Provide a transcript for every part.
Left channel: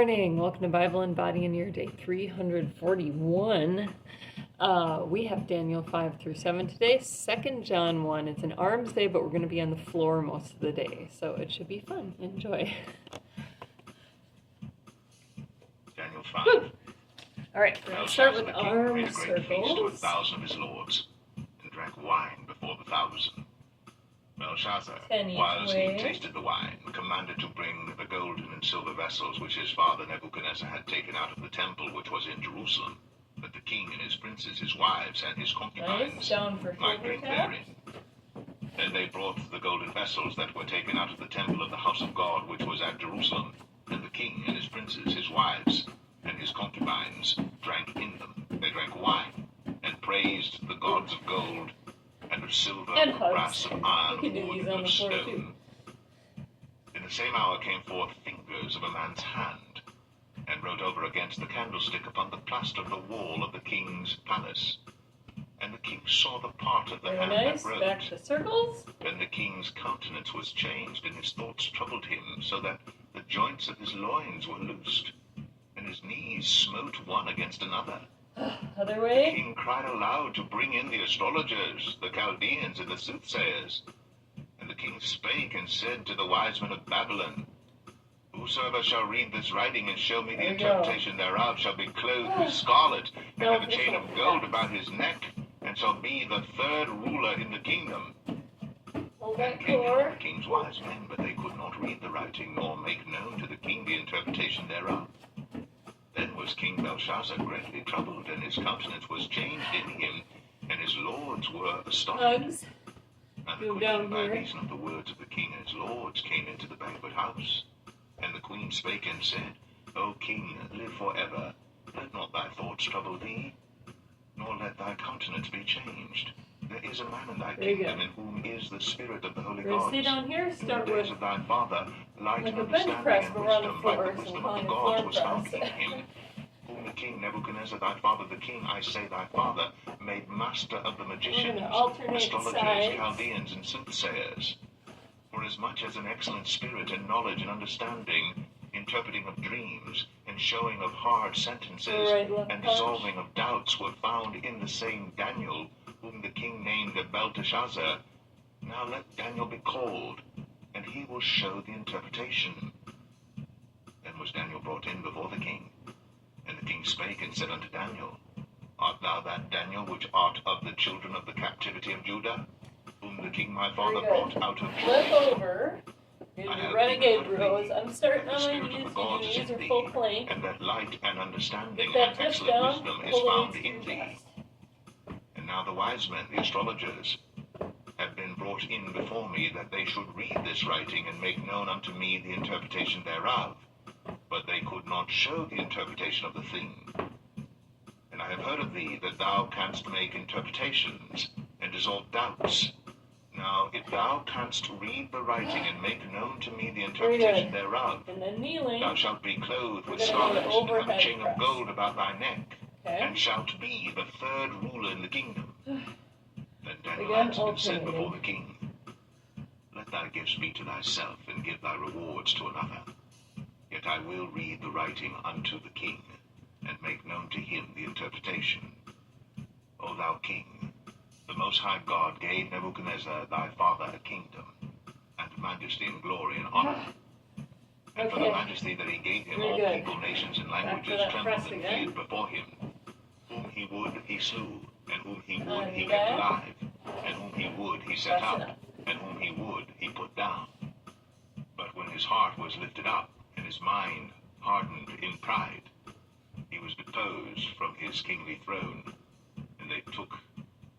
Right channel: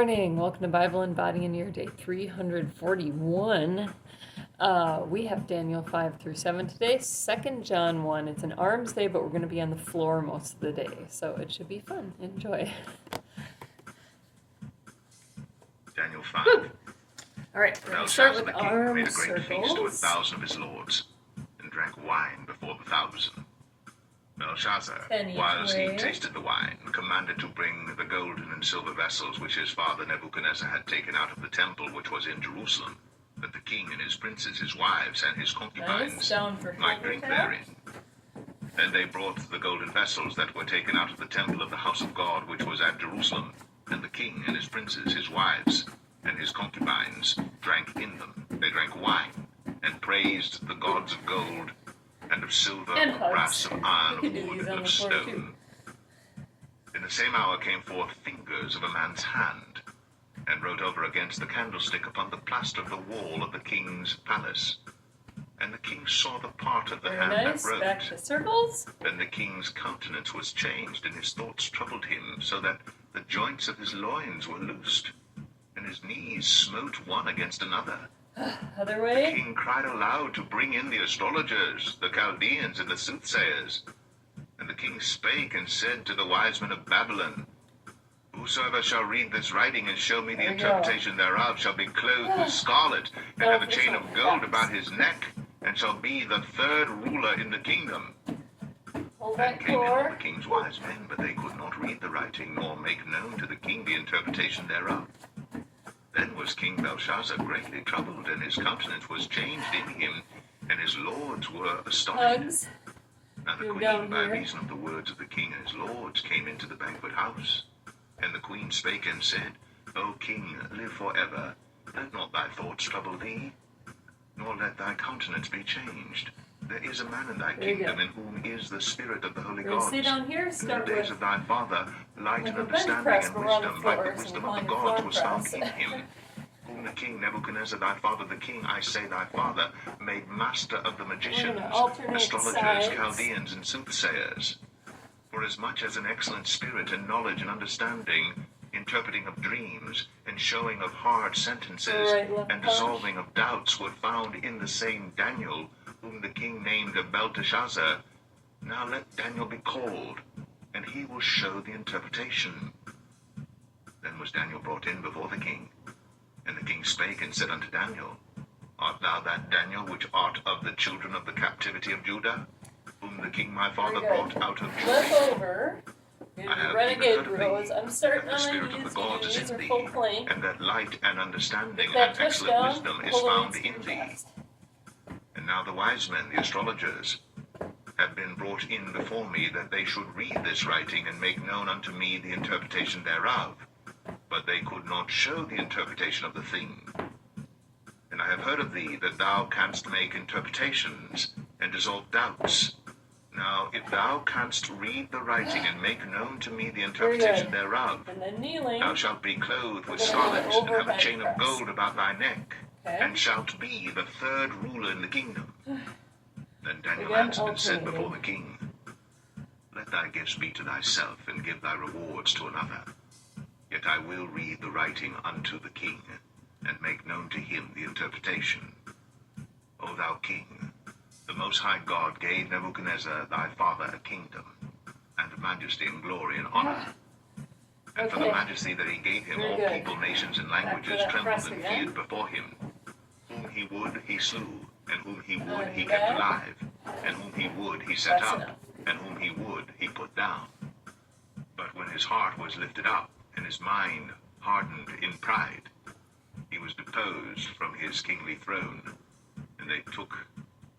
Morning. Welcome to Bible and Body in Your Day 341. We have Daniel 5 through 7 today, 2 John 1. It's an arms day, but we're going to be on the floor most of the day, so it should be fun. Enjoy. Daniel 5. Woo. All right, we're going to start with arm made a great feast to 1,000 of his lords, and drank wine before the 1,000. Belshazzar, Penny whilst way. he tasted the wine, commanded to bring the golden and silver vessels which his father Nebuchadnezzar had taken out of the temple which was in Jerusalem, that the king and his princes, his wives, and his concubines might drink therein. And they brought the golden vessels that were taken out of the temple of the house of God which was at Jerusalem, and the king and his princes, his wives, and his concubines drank in them. They drank wine, and praised the gods of gold, and of silver, And of hugs. brass, of iron, You of could do wood, these and on the of floor, stone. In the same hour came forth fingers of a man's hand, and wrote over against the candlestick upon the plaster of the wall of the king's palace. And the king saw the part of the Very hand nice. that wrote. Back to circles. Then the king's countenance was changed, and his thoughts troubled him, so that the joints of his loins were loosed, and his knees smote one against another. Other The way. king cried aloud to bring in the astrologers, the Chaldeans, and the soothsayers. And the king spake and said to the wise men of Babylon, Whosoever shall read this writing and show me the There we go. interpretation thereof shall be clothed with scarlet, and No, have a this chain one of gold fast. about his neck, and shall be the third ruler in the kingdom. Hold Then that came in all core. the king's wise men, but they could not read the writing, nor make known to the king the interpretation thereof. Then was King Belshazzar greatly troubled, and his countenance was changed in him, and his lords were astonished. Hugs. Now the Go queen, down by here. reason of the words of the king and his lords, came into the banquet house. And the queen spake and said, O king, live forever. Let not thy thoughts trouble thee, nor let thy countenance be changed. There is a man in thy There you kingdom go. in whom is the spirit of the holy We're going to gods. stay down here. In the Start days with of thy father, light like and a bench understanding press, and but we're on the wisdom, like floor, the so wisdom we're of the calling it gods, floor was found press. in him. Whom the king Nebuchadnezzar, thy father the king, I say thy father, made master of the magicians, alternate astrologers, sides. Chaldeans, and soothsayers. For as much as an excellent spirit and knowledge and understanding, interpreting of dreams, and showing of hard sentences, Right, left and punch. dissolving of doubts were found in the same Daniel, whom the king named Belteshazzar. Now let Daniel be called, and he will show the interpretation. Then was Daniel brought in before the king. And the king spake and said unto Daniel, Art thou that Daniel which art of the children of the captivity of Judah, whom the king my father Very good. brought out of Flip Judah? over. Do I the have renegade even heard of rows. thee, I'm starting that on the my spirit of knees. the gods Your is knees in are thee, full plank. and that light and understanding Get that and tush excellent down. wisdom is Hold it found in in thee. fast. And now the wise men, the astrologers, have been brought in before me, that they should read this writing and make known unto me the interpretation thereof. But they could not show the interpretation of the thing. And I have heard of thee that thou canst make interpretations and dissolve doubts. Now, if thou canst read the writing and make known to me the interpretation thereof, And then kneeling. thou shalt be clothed with We're gonna have scarlet, an and have a overhead chain of press. gold about thy neck, Okay. and shalt be the third ruler in the kingdom. Then Daniel Again, answered and said before alternating. the king, Let thy gifts be to thyself, and give thy rewards to another. Yet I will read the writing unto the king, and make known to him the interpretation. O thou king, the Most High God gave Nebuchadnezzar thy father a kingdom, and majesty and glory and honor. And for the Okay. majesty that he gave him, Very all good. people, nations, and Back to languages that trembled press and again. feared before him. Whom he would, he slew, and whom he would, he back. kept alive, and whom he would, he set Press it up, up. and whom he would, he put down. But when his heart was lifted up, and his mind hardened in pride, he was deposed from his kingly throne, and they took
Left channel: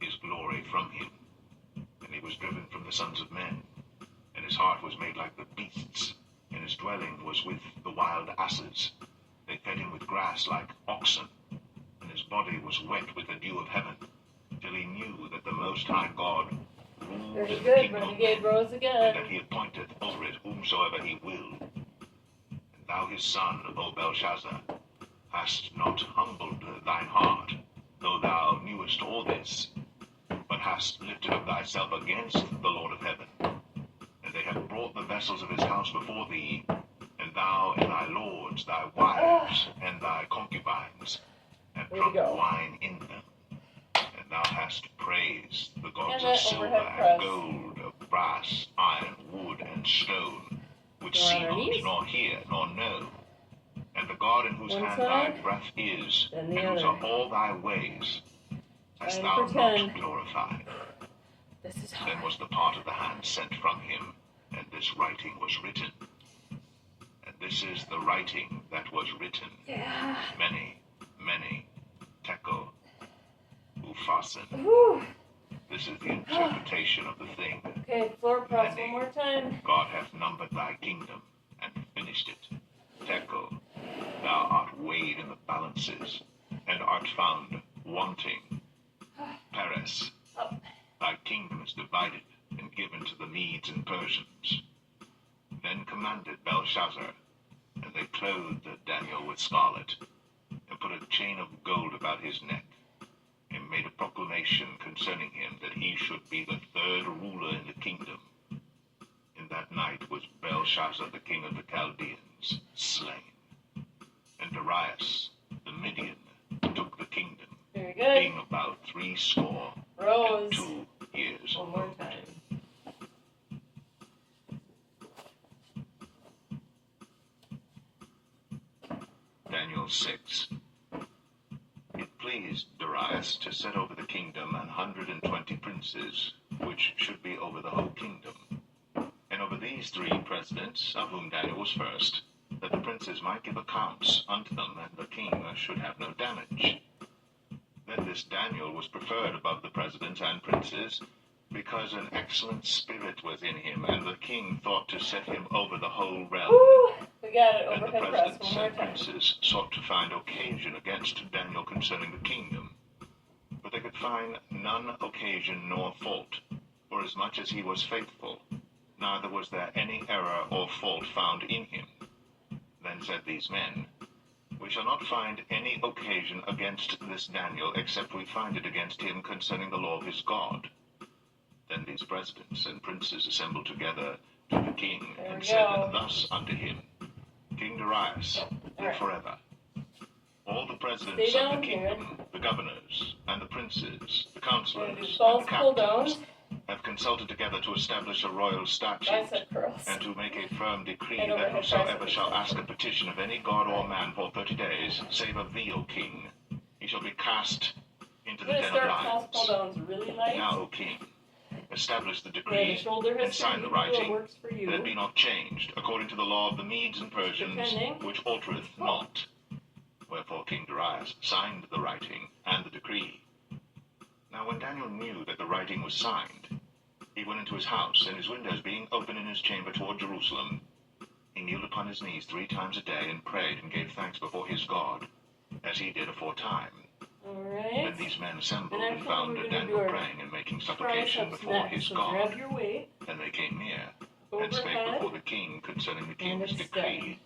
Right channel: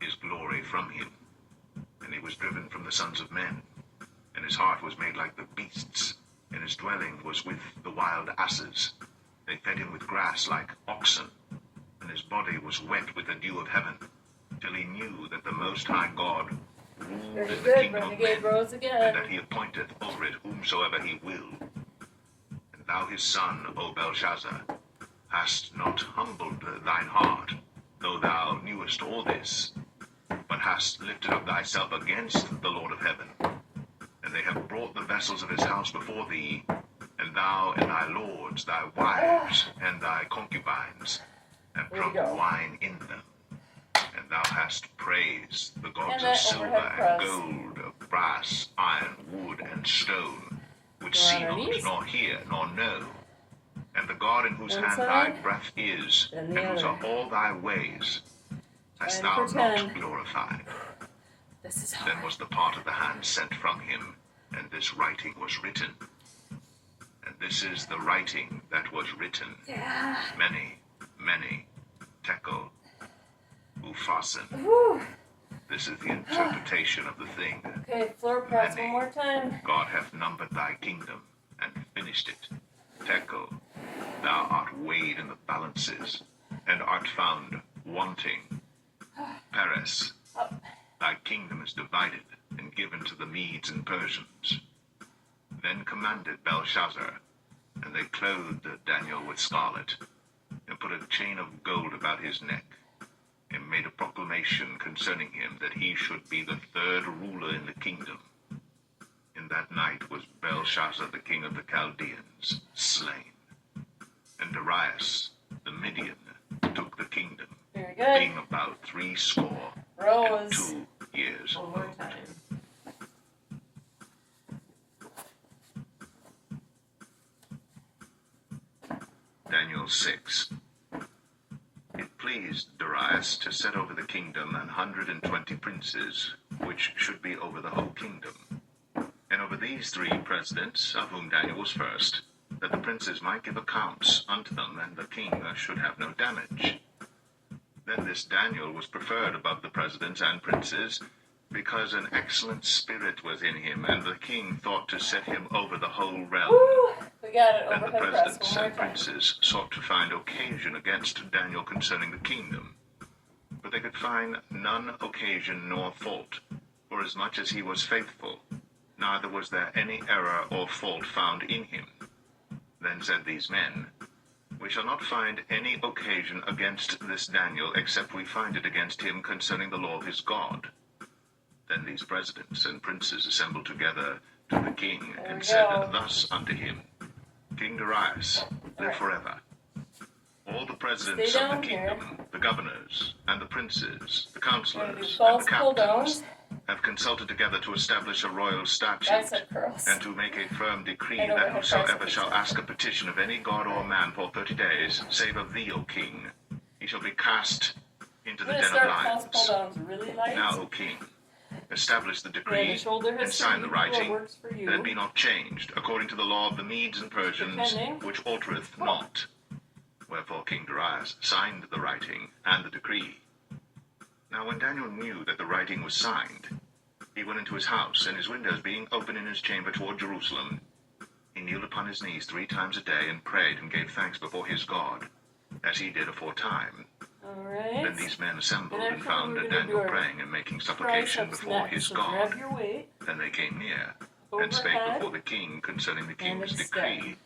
his glory from him. And he was driven from the sons of men, and his heart was made like the beasts, and his dwelling was with the wild asses. They fed him with grass like oxen, and his body was wet with the dew of heaven, till he knew that the Most High God ruled Very in the good. kingdom of Renegade men, rows and again. that he appointeth over it whomsoever he will. And thou his son, O Belshazzar, hast not humbled thine heart, though thou knewest all this, but hast lifted up thyself against the Lord of heaven. And they have brought the vessels of his house before thee, and thou and thy lords, thy wives, and thy concubines have Way to drunk go. wine in them. And thou hast praised the gods And of that silver overhead and press. gold, of brass, iron, wood, and stone, which Go on see our not, knees. nor hear, nor know. And the God in whose One hand side, thy breath is, then and the whose other. are all thy ways, hast Trying thou for not 10. glorified. This is Then hard. was the part of the hand sent from him, and this writing was written. And this is the writing that was written. Yeah. Many, many, tekel, upharsin. Whew. This is the interpretation of the thing. Okay, floor press one more time. God hath numbered thy kingdom, and finished it. Tekel, thou art weighed in the balances, and art found wanting. Peres, thy kingdom is divided, and given to the Medes and Persians. Then commanded Belshazzar, and they clothed Daniel with scarlet, and put a chain of gold about his neck, and made a proclamation concerning him that he should be the third ruler in the kingdom. In that night was Belshazzar the king of the Chaldeans slain, and Darius the Median took the kingdom, Very good. being about 80 and Rose. 2 years One more old. time. Daniel 6. It pleased Darius to set over the kingdom 120 princes, which should be over the whole kingdom. And over these 3 presidents, of whom Daniel was first, that the princes might give accounts unto them, and the king should have no damage. Then this Daniel was preferred above the presidents and princes, because an excellent spirit was in him, and the king thought to set him over the whole realm. Woo! We got it. And the Overhead press presidents one more and time. princes sought to find occasion against Daniel concerning the kingdom. But they could find none occasion nor fault, forasmuch as he was faithful, neither was there any error or fault found in him. Then said these men, We shall not find any occasion against this Daniel, except we find it against him concerning the law of his God. Then these presidents and princes assembled together to the king, There and we said go. thus unto him, King Darius, live Alright. forever. All the presidents Stay of the down here. kingdom, the governors, and the princes, the We're going to do counselors, and the false pull captains, downs. have consulted together to establish a royal statute, Bicep curls. and to make a firm decree And that overhead whosoever press. shall ask a petition of any god or man for 30 days, save of thee, O king, he shall be cast into I'm the going to den of start false pull lions. downs really light. Now, O king, establish the Yeah, the decree shoulder and history. sign the You do what writing, works for you. that it be not changed, according to the law of the Medes and Persians, Depending. which altereth not. Wherefore King Darius signed the writing and the decree. Now when Daniel knew that the writing was signed, he went into his house, and his windows being open in his chamber toward Jerusalem, he kneeled upon his knees 3 times a day, and prayed and gave thanks before his God, as he did aforetime. Alright. Then these men assembled, And and after found we're gonna do Daniel our praying and making supplication Triceps before next. his So God. grab your weight. Then they came near, and spake Overhead. before the king concerning the And king's a decree.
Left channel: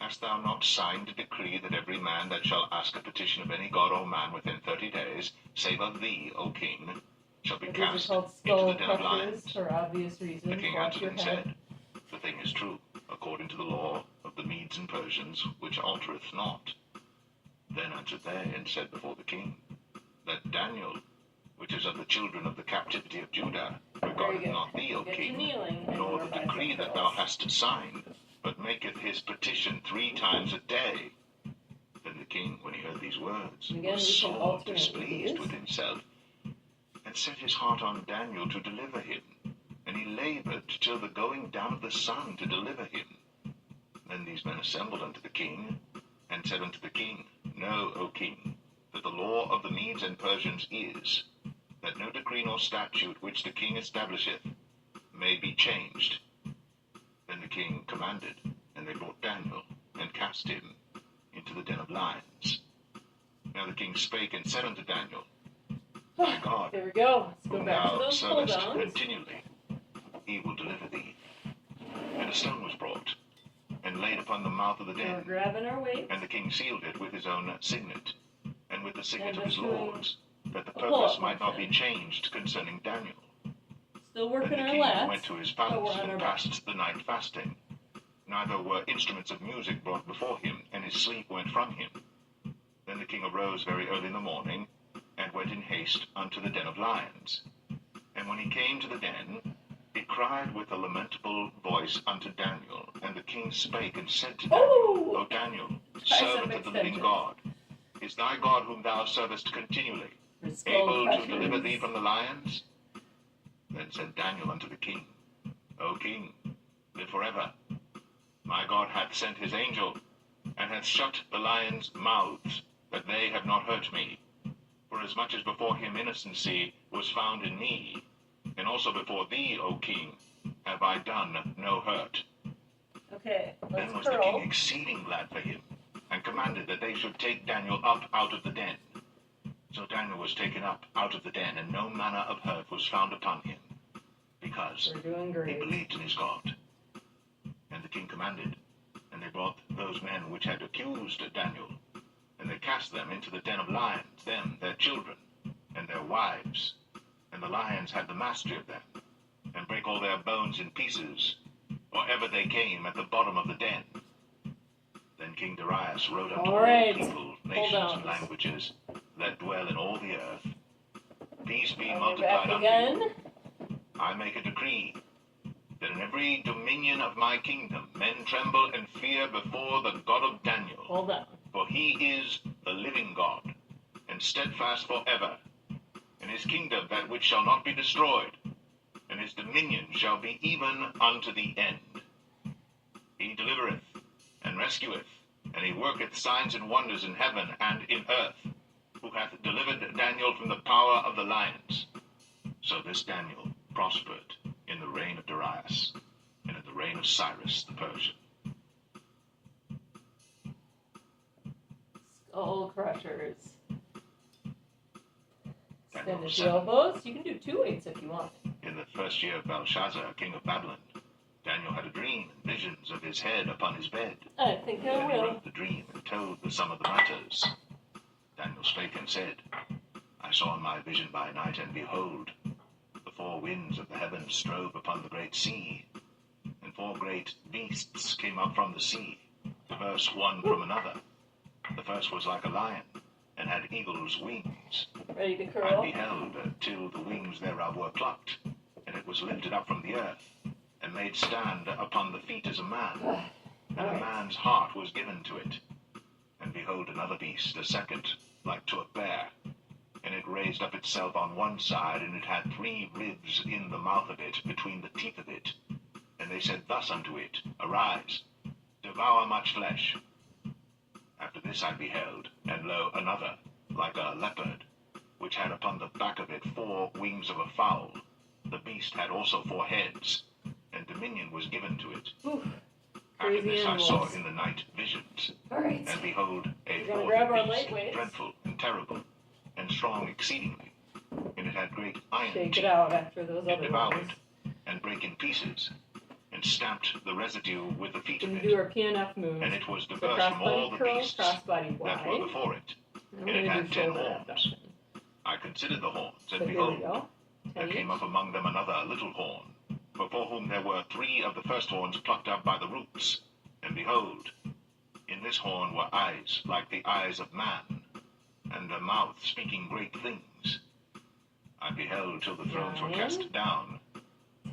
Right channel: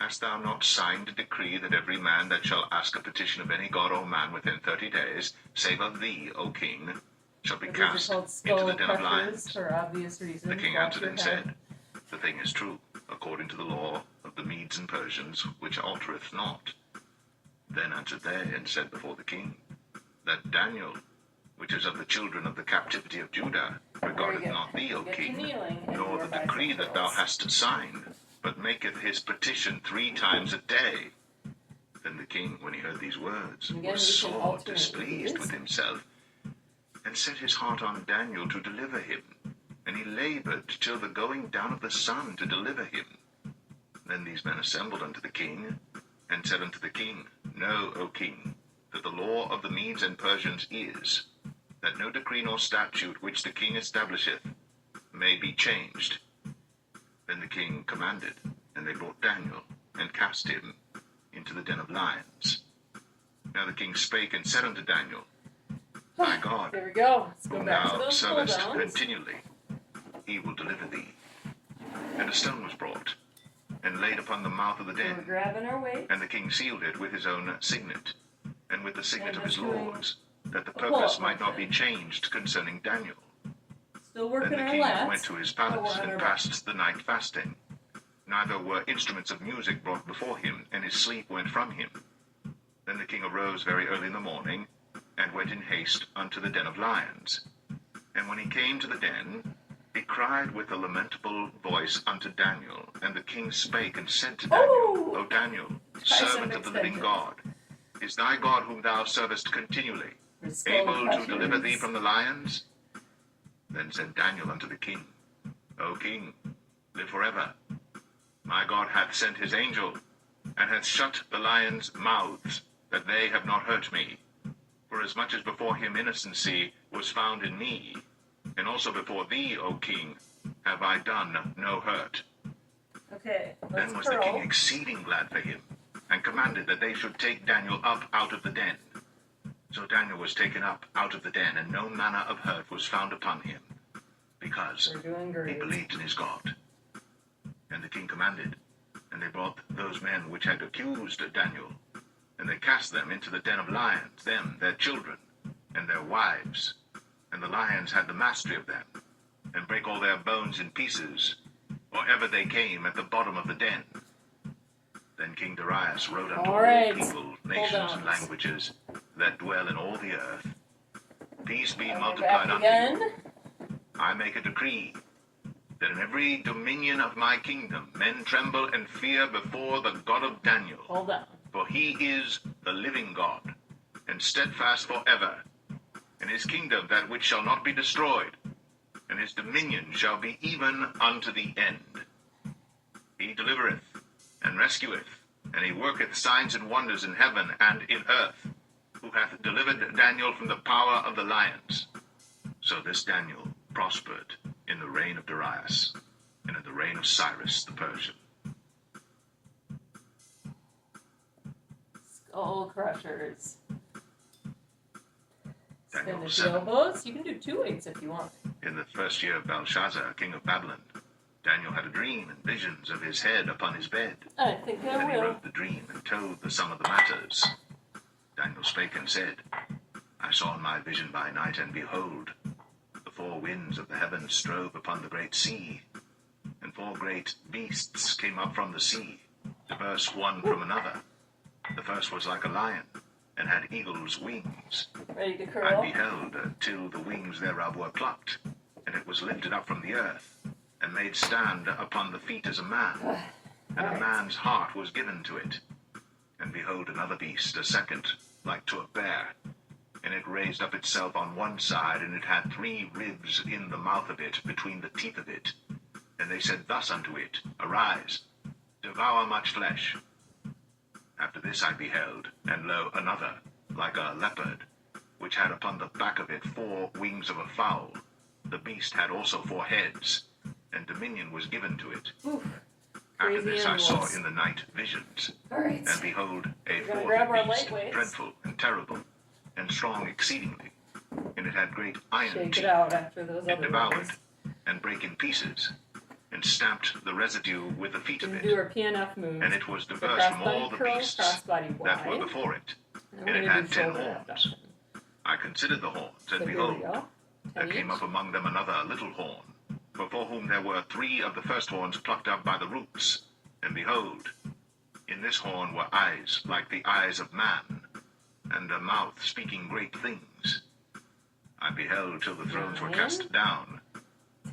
Hast thou not signed a decree that every man that shall ask a petition of any god or man within 30 days, save of thee, O king, shall be These are cast called into skull the den of crushers lions? for obvious reasons. The king Watch answered your and head. said, The thing is true, according to the law of the Medes and Persians, which altereth not. Then answered they and said before the king, That Daniel, which is of the children of the captivity of Judah, regardeth good. not thee, O Get to king, kneeling and nor your the bicep decree that thou curls. hast signed, but maketh his petition 3 times a day. Then the king, when he heard these words, Again, was we can sore alternate displeased these. with himself, and set his heart on Daniel to deliver him. And he labored till the going down of the sun to deliver him. Then these men assembled unto the king, and said unto the king, Know, O king, that the law of the Medes and Persians is, that no decree nor statute which the king establisheth may be changed. Then the king commanded, and they brought Daniel, and cast him into the den of lions. Now the king spake and said unto Daniel, My God, There we go. Let's go whom back to thou those pull servest downs. continually, he will deliver thee. And a stone was brought, and laid upon the mouth of the So we're den, grabbing our weight. and the king sealed it with his own signet, and with the signet And of his just doing lords, that the a pull-up purpose might not be motion. changed concerning Daniel. Still Then working the our king lats. went to his but we're palace, on our and back. passed the night fasting. neither were instruments of music brought before him, and his sleep went from him. Then the king arose very early in the morning, and went in haste unto the den of lions. And when he came to the den, he cried with a lamentable voice unto Daniel. And the king spake and said to Daniel, O Daniel, servant of the living God, is thy God whom thou servest continually able to deliver thee from the lions? Then said Daniel unto the king, O king, live forever. My God hath sent his angel, and hath shut the lions' mouths, that they have not hurt me. For as much as before him innocency was found in me, and also before thee, O king, have I done no hurt. Okay, let's Then was the king exceeding glad for him, and commanded that they should take Daniel up out of the den. So Daniel was taken up out of the den, and no manner of hurt was found upon him, because We're doing he great. believed in his God. And the king commanded, and they brought those men which had accused Daniel, and they cast them into the den of lions, them, their children, and their wives. And the lions had the mastery of them, and brake all their bones in pieces, or ever they came at the bottom of the den. Then King Darius wrote unto All all right, people, hold nations, on. and languages that dwell in all the earth, peace be We're multiplied back unto you. again. I make a decree that in every dominion of my kingdom men tremble and fear before the God of Daniel. Hold on. For he is the living God, and steadfast forever. And his kingdom that which shall not be destroyed, and his dominion shall be even unto the end. He delivereth and rescueth, and he worketh signs and wonders in heaven and in earth, who hath delivered Daniel from the power of the lions. So this Daniel prospered in the reign of Darius, and in the reign of Cyrus the Persian. Skull crushers. Daniel Extend the 7. elbows. You can do 2 weights if you want. In the first year of Belshazzar, king of Babylon, Daniel had a dream and visions of his head upon his bed. I think I Then he will. wrote the dream and told the sum of the matters. Daniel spake and said, I saw in my vision by night, and behold, the 4 winds of the heavens strove upon the great sea, and 4 great beasts came up from the sea, diverse one from another. The first was like a lion, and had eagle's wings. Ready to I curl? beheld till the wings thereof were plucked, and it was lifted up from the earth, and made stand upon the feet as a man, and Alright. a man's heart was given to it. And behold, another beast, a second, like to a bear, and it raised up itself on one side, and it had 3 ribs in the mouth of it, between the teeth of it. And they said thus unto it, Arise, devour much flesh. After this I beheld, and lo, another, like a leopard, which had upon the back of it 4 wings of a fowl. The beast had also 4 heads, and dominion was given to it. Oof. After Crazy this I saw animals. in the night visions, Alright. and behold, a We're gonna 4th grab our beast, lightweights. dreadful and terrible, and strong exceedingly, and it had great iron Shake teeth. it out after those It other devoured, ones. and brake in pieces, and stamped the residue with the feet We of can do it. our PNF move. And it was So diverse from all crossbody the curl, beasts crossbody that were wide. before it. And And we're it gonna had do 10 shoulder horns. abduction. I considered the horns, So and here we behold, go. there 10 came each. up among them another little horn, before whom there were 3 of the first horns plucked up by the roots. And behold, in this horn were eyes like the eyes of man, and a mouth speaking great things. I beheld till the thrones were 9, cast down,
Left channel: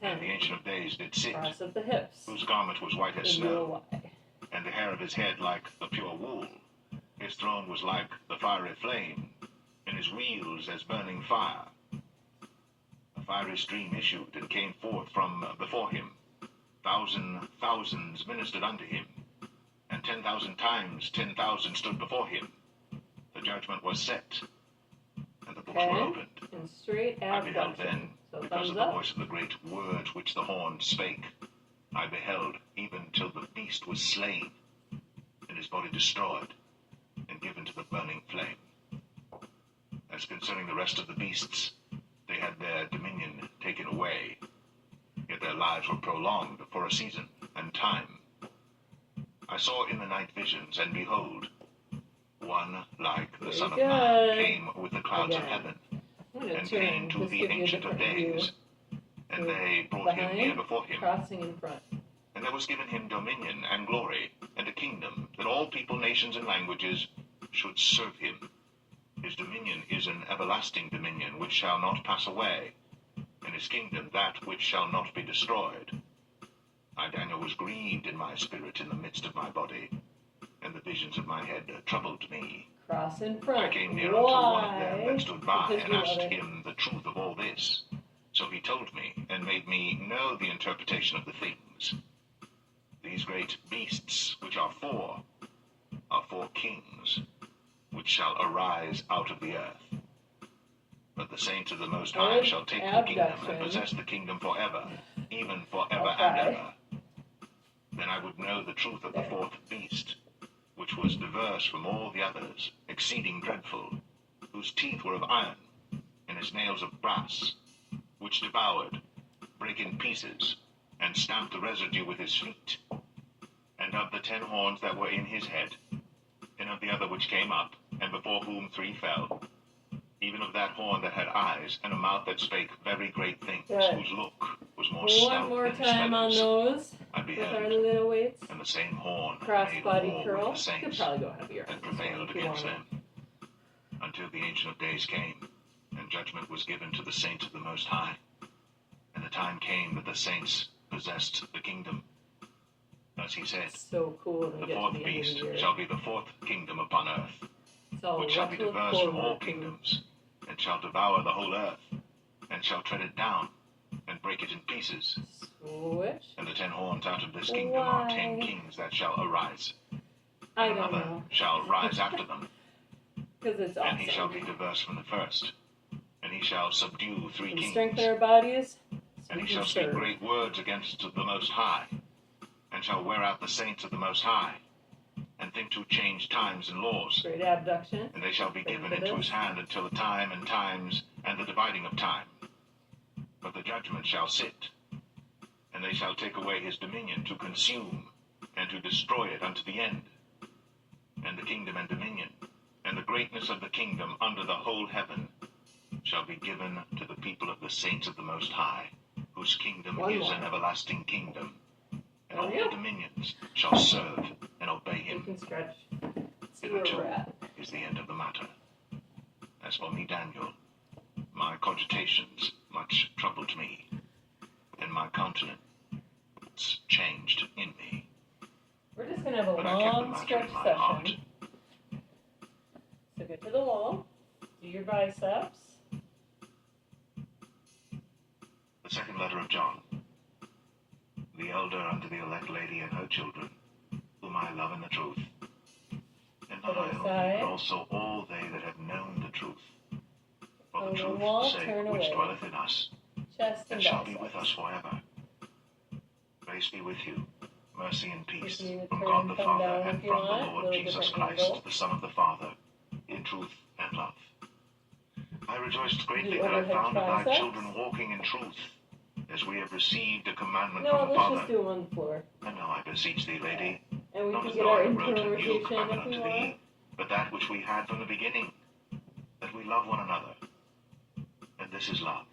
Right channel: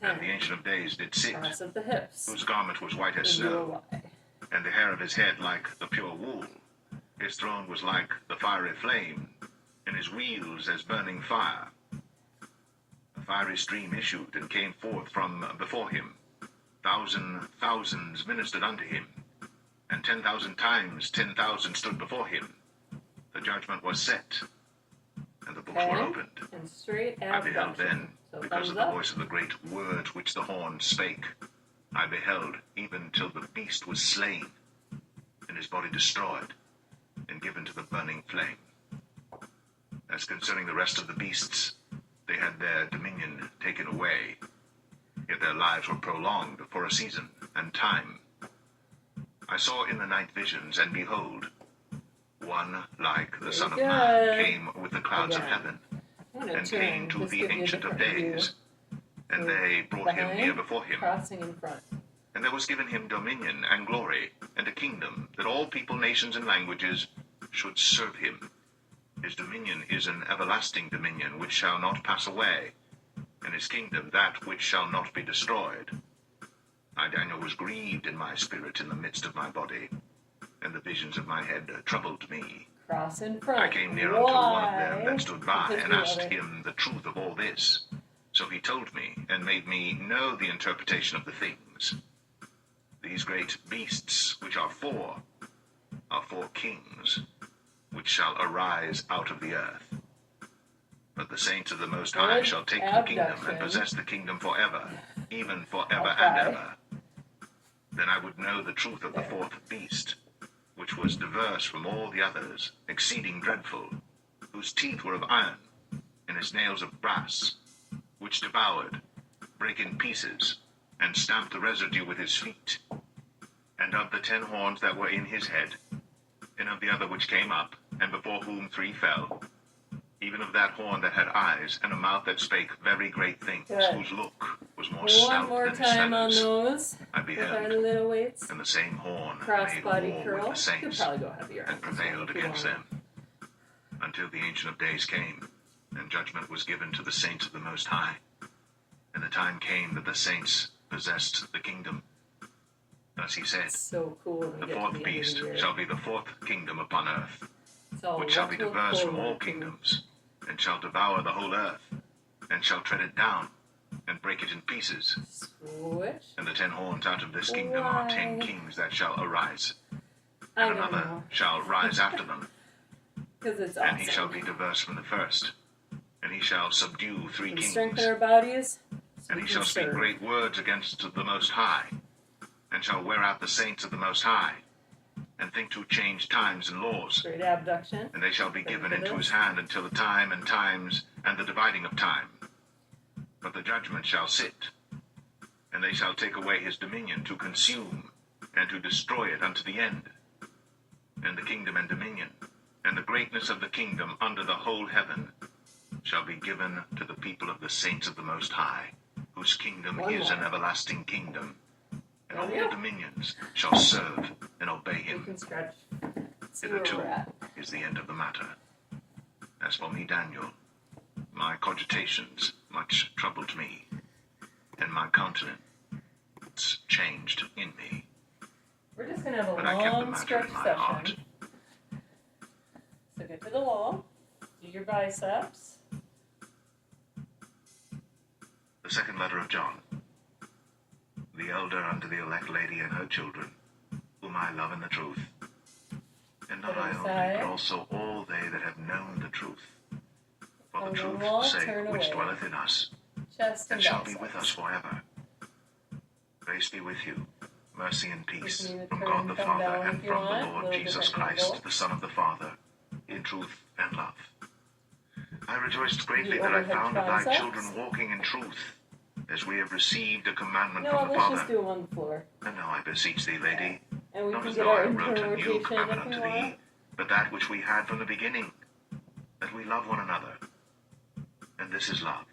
and the 10. Ancient of Days did sit, Cross of the hips. whose garment was white as Then do a snow, Y. and the hair of his head like the pure wool. His throne was like the fiery flame, and his wheels as burning fire. A fiery stream issued and came forth from before him. Thousands ministered unto him, and 10,000 times 10,000 stood before him. The judgment was set, and the books were Okay. opened. And straight I beheld abduction. then, So because thumbs of the up. voice of the great words which the horn spake, I beheld even till the beast was slain, and his body destroyed, and given to the burning flame. As concerning the rest of the beasts, they had their dominion taken away, yet their lives were prolonged for a season and time. I saw in the night visions, and behold, one like the Very Son of good. Man came with the clouds of Again. heaven, I'm gonna and turn. came to Just the give you a Ancient of different view. Days, and Move they brought him near behind, before him. crossing in front. And And there was given him dominion and glory and a kingdom, that all people, nations, and languages should serve him. His dominion is an everlasting dominion which shall not pass away, and his kingdom that which shall not be destroyed. I, Daniel, was grieved in my spirit in the midst of my body, and the visions of my head troubled me. Cross in front. I came near unto one of Why? them that stood by, Because and we love asked it. him the truth of all this. So he told me, and made me know the interpretation of the things. These great beasts, which are four kings, which shall arise out of the earth. But the saints of the Most High Good shall take the kingdom abduction. and possess the kingdom forever, even forever Okay. and ever. Then I would know the truth of the fourth beast, which was diverse from all the others, exceeding dreadful, whose teeth were of iron, and his nails of brass, which devoured, brake in pieces, and stamped the residue with his feet. And of the 10 horns that were in his head, and of the other which came up, and before whom 3 fell, even of that horn that had eyes, and a mouth that spake very great things, Good. whose look was more One stout more than his time on feathers. those I with our beheld, little weights. and the same horn Cross made body war curl. with the You could saints, probably go heavier on and this one prevailed if you against want. them, until the Ancient of Days came, and judgment was given to the saints of the Most High. And the time came that the saints possessed the kingdom. Thus he said, So cool when we the get to fourth the end of beast the year. shall be the 4th kingdom upon earth, So which shall what be to look diverse from all forward to. kingdoms, and shall devour the whole earth, and shall tread it down, and break it in pieces. Switch. And the 10 horns out of this kingdom are 10 Why? kings that shall arise, I and don't another know. shall rise after them, Because it's and he shall awesome. be diverse from the first. And he shall subdue 3 We kings, strengthen our bodies. So and we he can shall speak serve. great words against the Most High, and shall wear out the saints of the Most High, and think to change times and laws. Great abduction. And they shall be Ready given for into this? his hand until the time and times and the dividing of time. But the judgment shall sit, and they shall take away his dominion to consume and to destroy it unto the end. And the kingdom and dominion, and the greatness of the kingdom under the whole heaven, shall be given to the people of the saints of the Most High, whose kingdom One is more. an everlasting kingdom. And There all we their go. dominions shall serve and obey We him. can stretch. See where Hitherto we're at. is the end of the matter. As for me, Daniel, my cogitations much troubled me, and my countenance changed in me. We're just going to have But a I kept the long matter stretch in my heart. session. So get to the wall. Do your biceps. The second letter of John. The elder unto the elect lady and her children, whom I love in the truth. And not Other I only, side. but also all they that have known the truth. For On the the truth's wall, sake turn which away. dwelleth in us, Chest and and shall be with us biceps. forever. Grace be with you, mercy and peace You can from turn God the thumb Father down and if you from the want, Lord little Jesus different Christ, angle. the Son of the Father, in truth and love. I rejoiced greatly The that I overhead found of thy triceps. children walking in truth, as we have received a commandment No, from the let's Father. just do them on the floor. And now I beseech thee, lady, And we not can as get though our I wrote internal a new rotation commandment if we unto want. thee, but that which we had from the beginning, that we love one another. And this is love,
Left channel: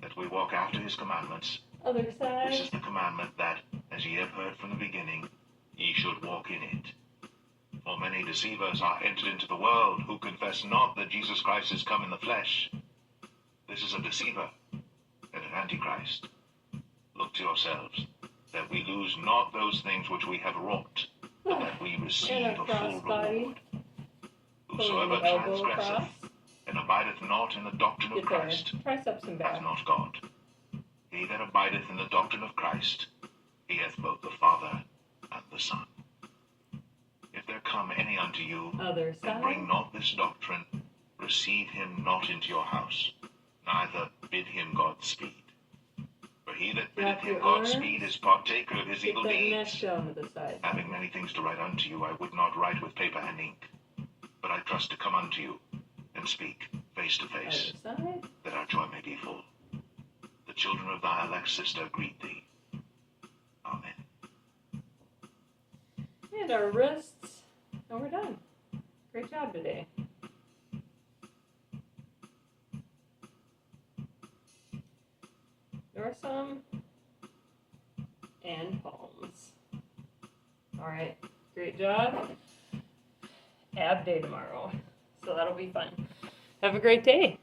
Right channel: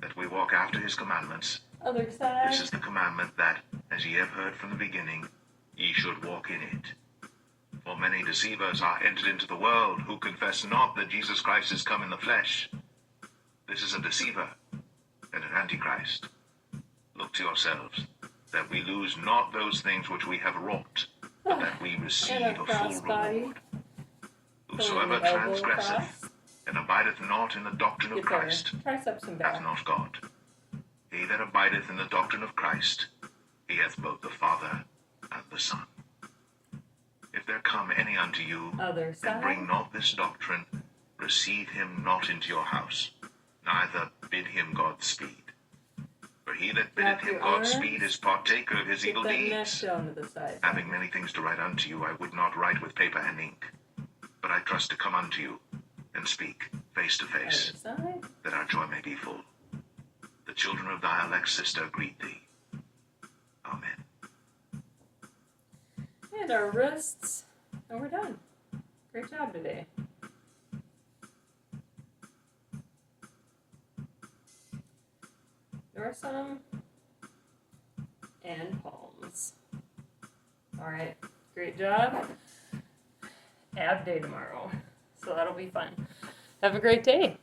that we walk after his commandments. Other This side. is the commandment that, as ye have heard from the beginning, ye should walk in it. For many deceivers are entered into the world, who confess not that Jesus Christ is come in the flesh. This is a deceiver and an antichrist. Look to yourselves, that we lose not those things which we have wrought, but that we receive And a a full crossbody. reward. Pulling Whosoever the elbow transgresseth across. and abideth not in the doctrine of Get there. Christ Triceps and hath back. not God. He that abideth in the doctrine of Christ, he hath both the Father and the Son. If there come any unto you, Other and bring side. not this doctrine, receive him not into your house, neither bid him Godspeed. For he that biddeth Wrap him your arms. Godspeed is partaker of his Get evil that neck deeds. down to the side. Having many things to write unto you, I would not write with paper and ink, but I trust to come unto you, and speak face to face, Other side. that our joy may be full. The children of thy elect sister greet thee. Amen. And our wrists. And we're done. Great job today. Dorsum. and palms. All right, great job. Ab day tomorrow, so that'll be fun. Have a great day.